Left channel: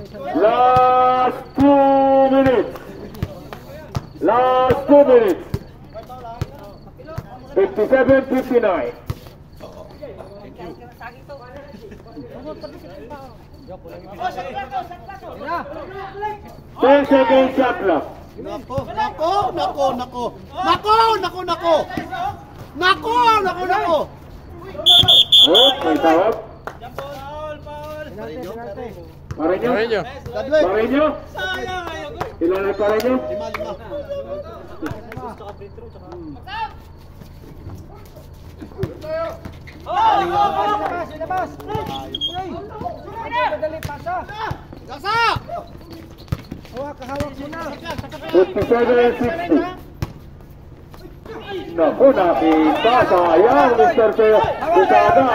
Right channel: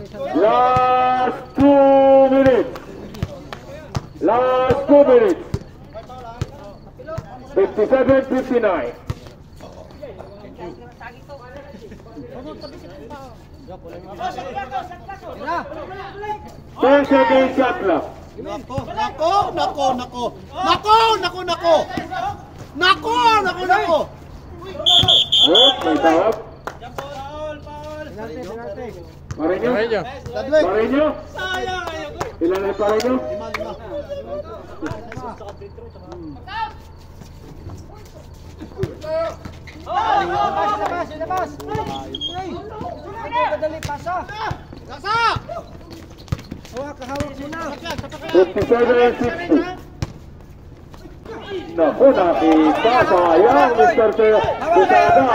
Last 2 minutes. Last 2 minutes. 57-59. 10 seconds shot clock. Nako. Oh, may tawag. Pareño. Ilan ang Pareño? 57-60. Naku, nakita. Sayang, Mr. Pusada.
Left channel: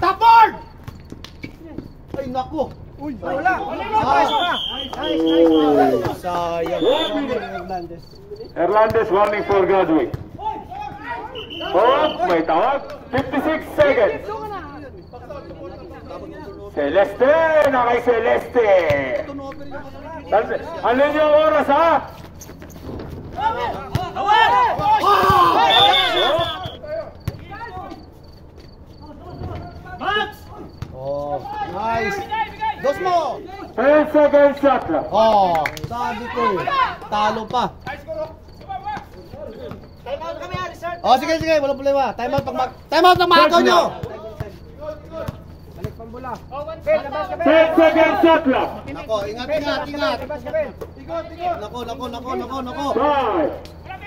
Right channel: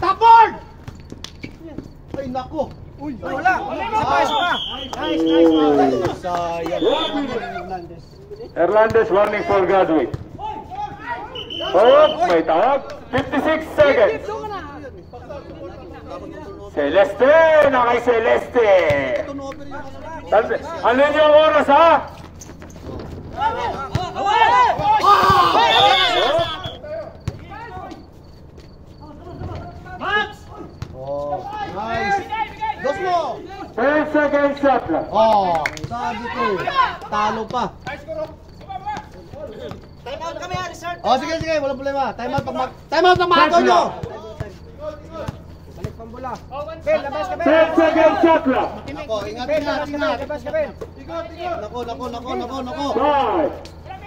Tapon! Ay, naku. Wala. Hernandez warning for Godwin. Oh, may tawag. 56 seconds. Celeste, nakay Celeste. Ano yung oras, ha? Nice. Dos mo. 10 seconds shot lang. Sabi ko eh. Talo pa. Time out kami, resort. Sige, walang problema. Time out pag makago nyo. Balik pang bula. 10 seconds shot lang. Nako, ingat. Ikot. Nako. 5,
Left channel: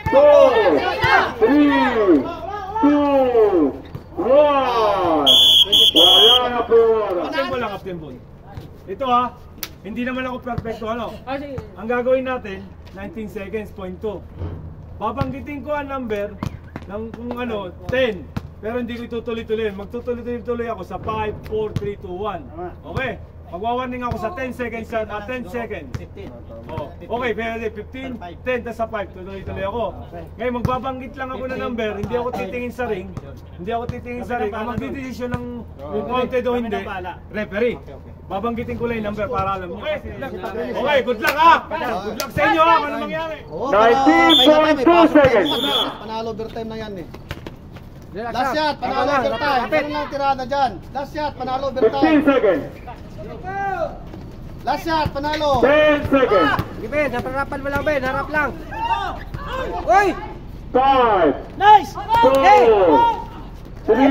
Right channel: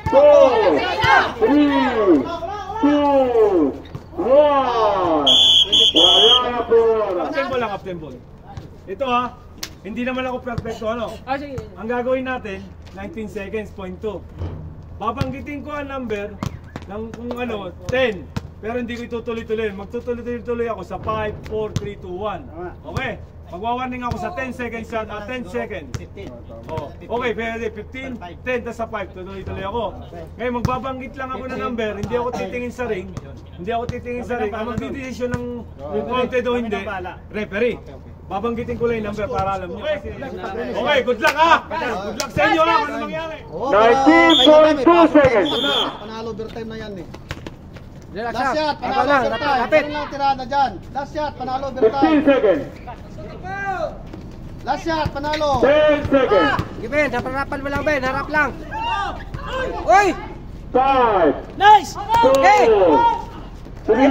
4, 3, 2, 1. Wala na po. Captain Boy. Ito ha, hindi naman ako perfecto ano. Ang gagawin natin, 19 seconds, point 2. Babanggitin ko ang number ng kung ano, 10. Pero hindi ko itutuloy-tuloy. Magtutuloy-tuloy ako sa 5, 4, 3, 2, 1. Okay? Magwawarning ako sa 10 seconds shot at 10 seconds. 15. Oh. Okay, pwede 15, 10, tas sa 5. Tuloy-tuloy ako. Ngayon, magbabanggit lang ako ng number. Hindi ako titingin sa ring. Ang magdidesisyon ng counted o hindi, referee. Babanggitin ko lang yung number para alam nyo. Okay, good luck ha! Good luck sa inyo ha! Ano mangyari? 19.2 seconds. Panalo overtime na yan eh. Last shot, panalo overtime. Meron lang tirada dyan. Last shot, panalo overtime. 15 seconds. Last shot, panalo. 10 seconds. Ben, harapan mo lang, Ben. Harap lang. Uy! 5, Nice! 4, 3,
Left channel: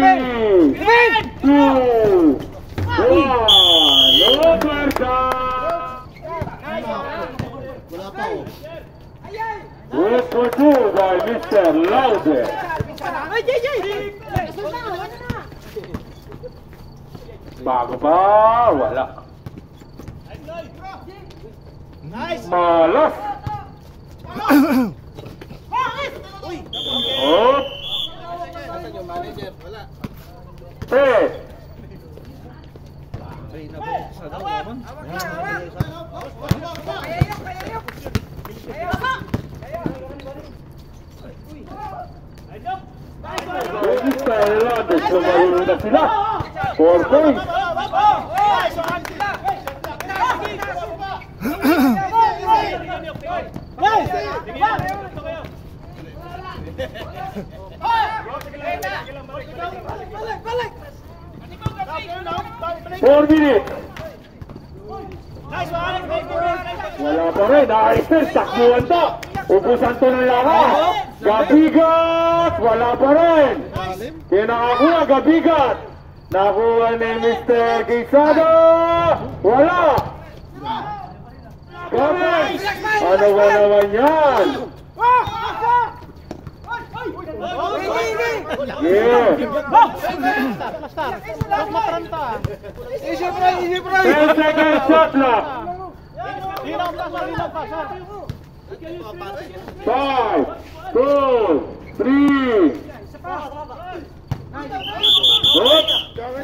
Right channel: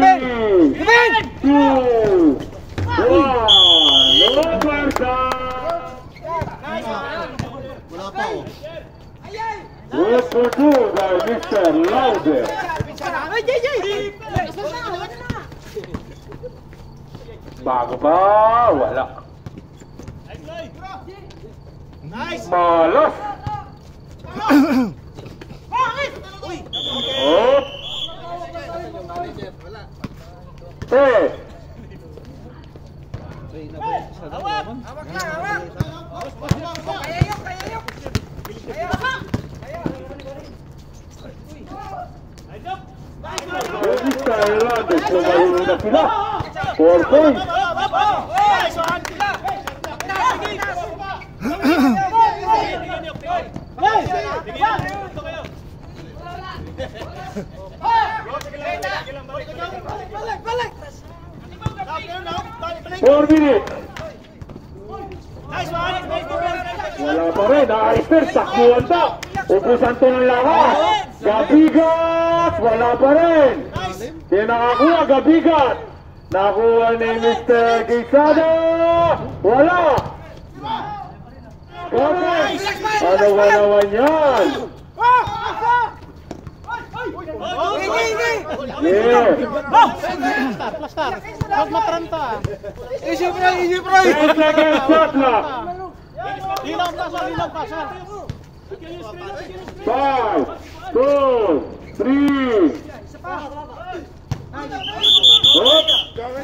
2, 1. Overtime. Wala pa oh. Well produced by Mr. Lauder. Bago pa, wala. Malas. Oh. Mr. Lauder, sumayo na sila. 4 points. Four minutes. Wala pa rin. Ayos, takbuhan pa. Ubusan to ng lahat. Gabigat. Wala pa rin. Pinakakuha, Gabigat. Nakuha ni Mr. Quezada. Wala. Kapag. Ano ba naman yan? Yeah. Easy bro. 10 seconds shot clock. 5, 2, 3.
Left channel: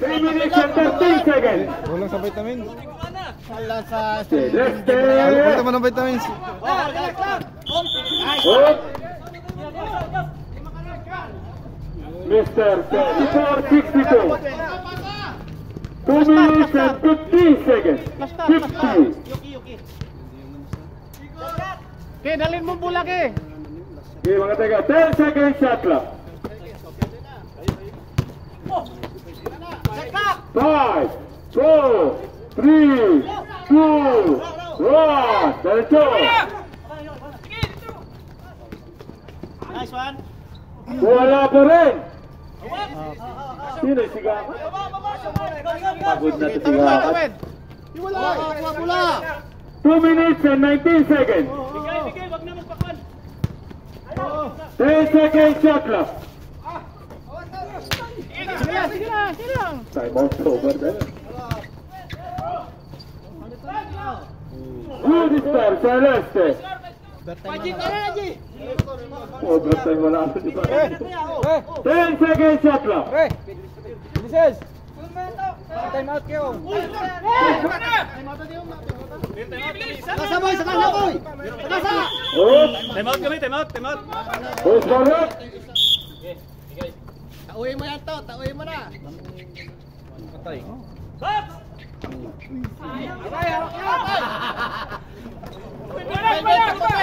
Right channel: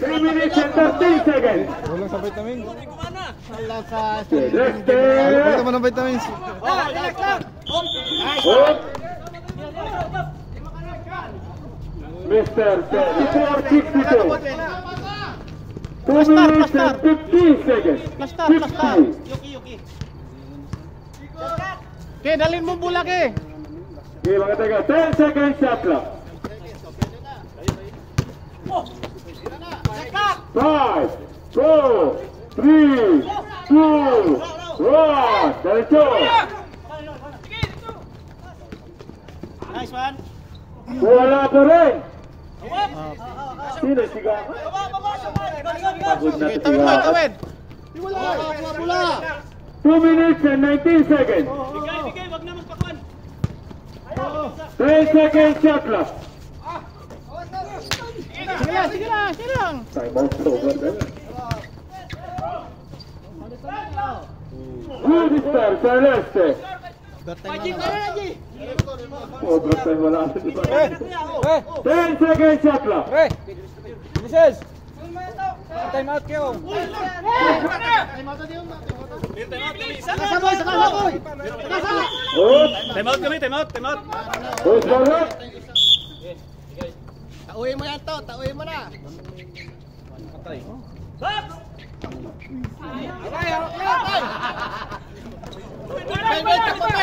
3 minutes and 13 seconds. Wala sa vitamins. Wala sa Celeste. Wala naman ng vitamins. Mr. 64-62. 2 minutes and 15 seconds. 60. Okay, dalhin mo bulak eh. Okay, mga taga, 10 seconds shot clock. 5, 4, 3, 2, 1. Diretso. Nice one. Wala pa rin. Sino siga? Pagod na siga. Wala. 2 minutes and 19 seconds. 10 seconds shot clock. Time out over there. Good start, Celeste. Overtime wala sa diba? 10 seconds shot clock. Mrs. Time out kayo. Kasa boy, sa kasa boy. Kasa. Time out kami, time out. Push forward. Tauhin mo yan to, tauhin mo na.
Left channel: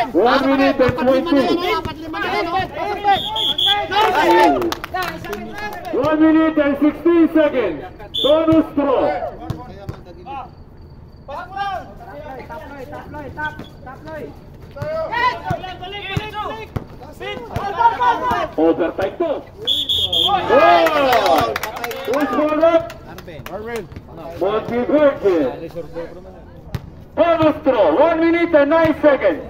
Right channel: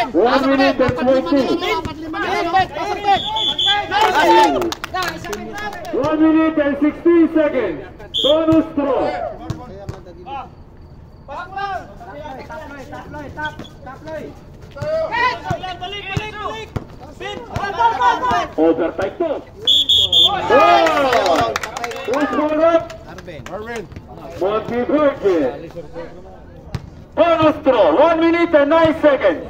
1 minute and 20. 1 minute and 16 seconds. Bonus throw. Overtime to. Push forward. Monty Virgin. Bonus throw. 1 minute and 9 seconds.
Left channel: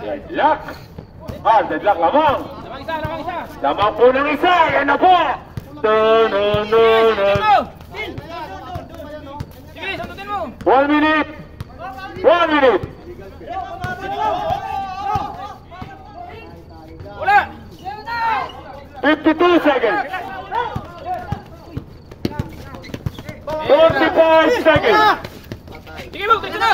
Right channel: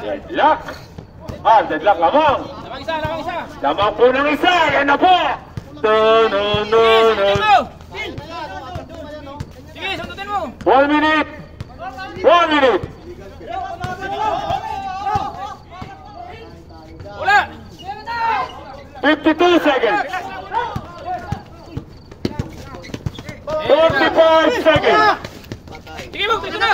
Deadlock. Deadlock lamang. Lamang po ng isa. Yan na po. Sige, sundutin mo. 1 minute. 1 minute. Wala. 52 seconds. 45 seconds. Sige mo, dito na.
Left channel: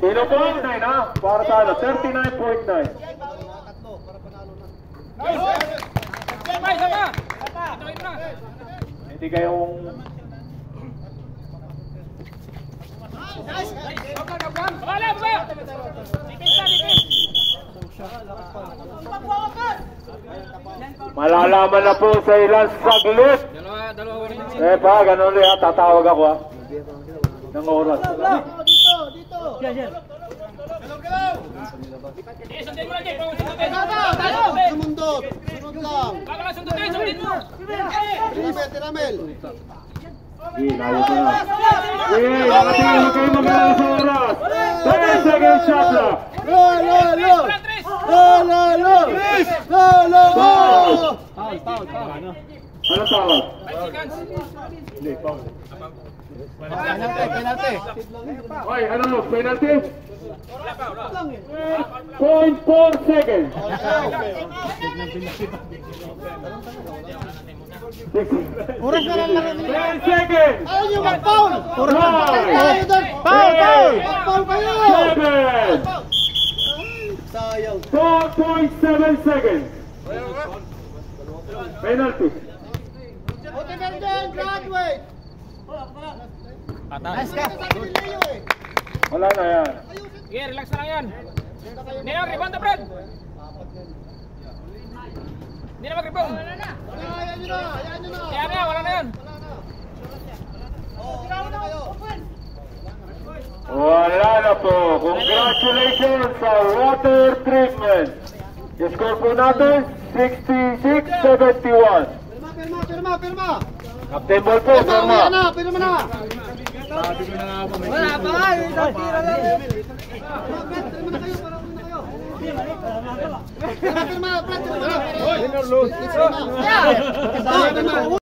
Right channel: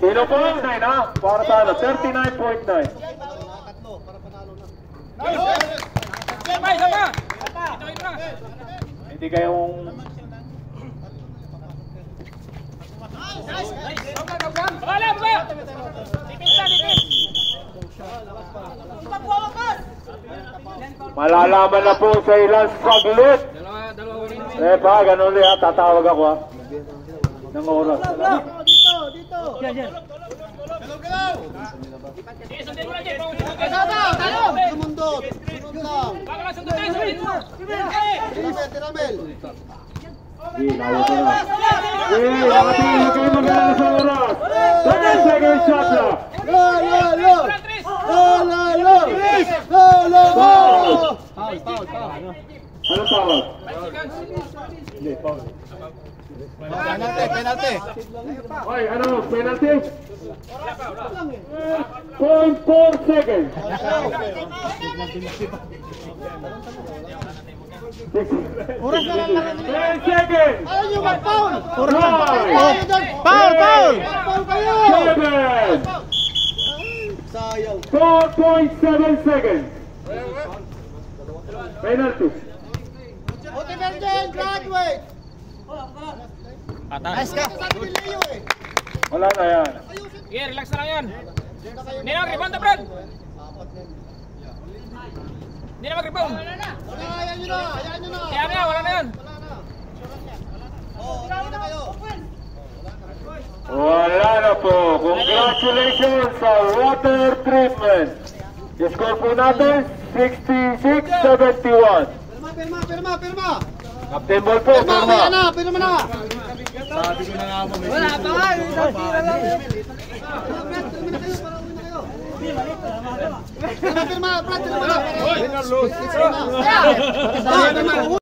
Sino po ang 9 ha? Para talo. 39.9. Hindi kayong... Malalaman na po sa ilang saglit. Eh pa, ganun ulit ha. Tatawag ako ha. Ng oras. Tiramel. Nawag ko na. Huwag kayo magalang sa oras. 10 seconds shot clock. Anong tawag? Hindi, foul. Penalty. Ay, ano? Penalty? 0.4 seconds. 10 seconds. Foul. Foul kayo. 7. Sayang. 4.7 seconds. Penalty. Graduate. Nice ka. Wala na yan. Sige, relax na lang yan. Hindi na mag-rebound, Brad. Hindi na mag-rebound. Kaya na, wala na yan. Wala na po. Congratulations sa water treatment. Score po natin 66-71. Pirma. Captain Ball po, pirma. Pirma na. Wala pa nga, isang tira lang. Pirma na kayo.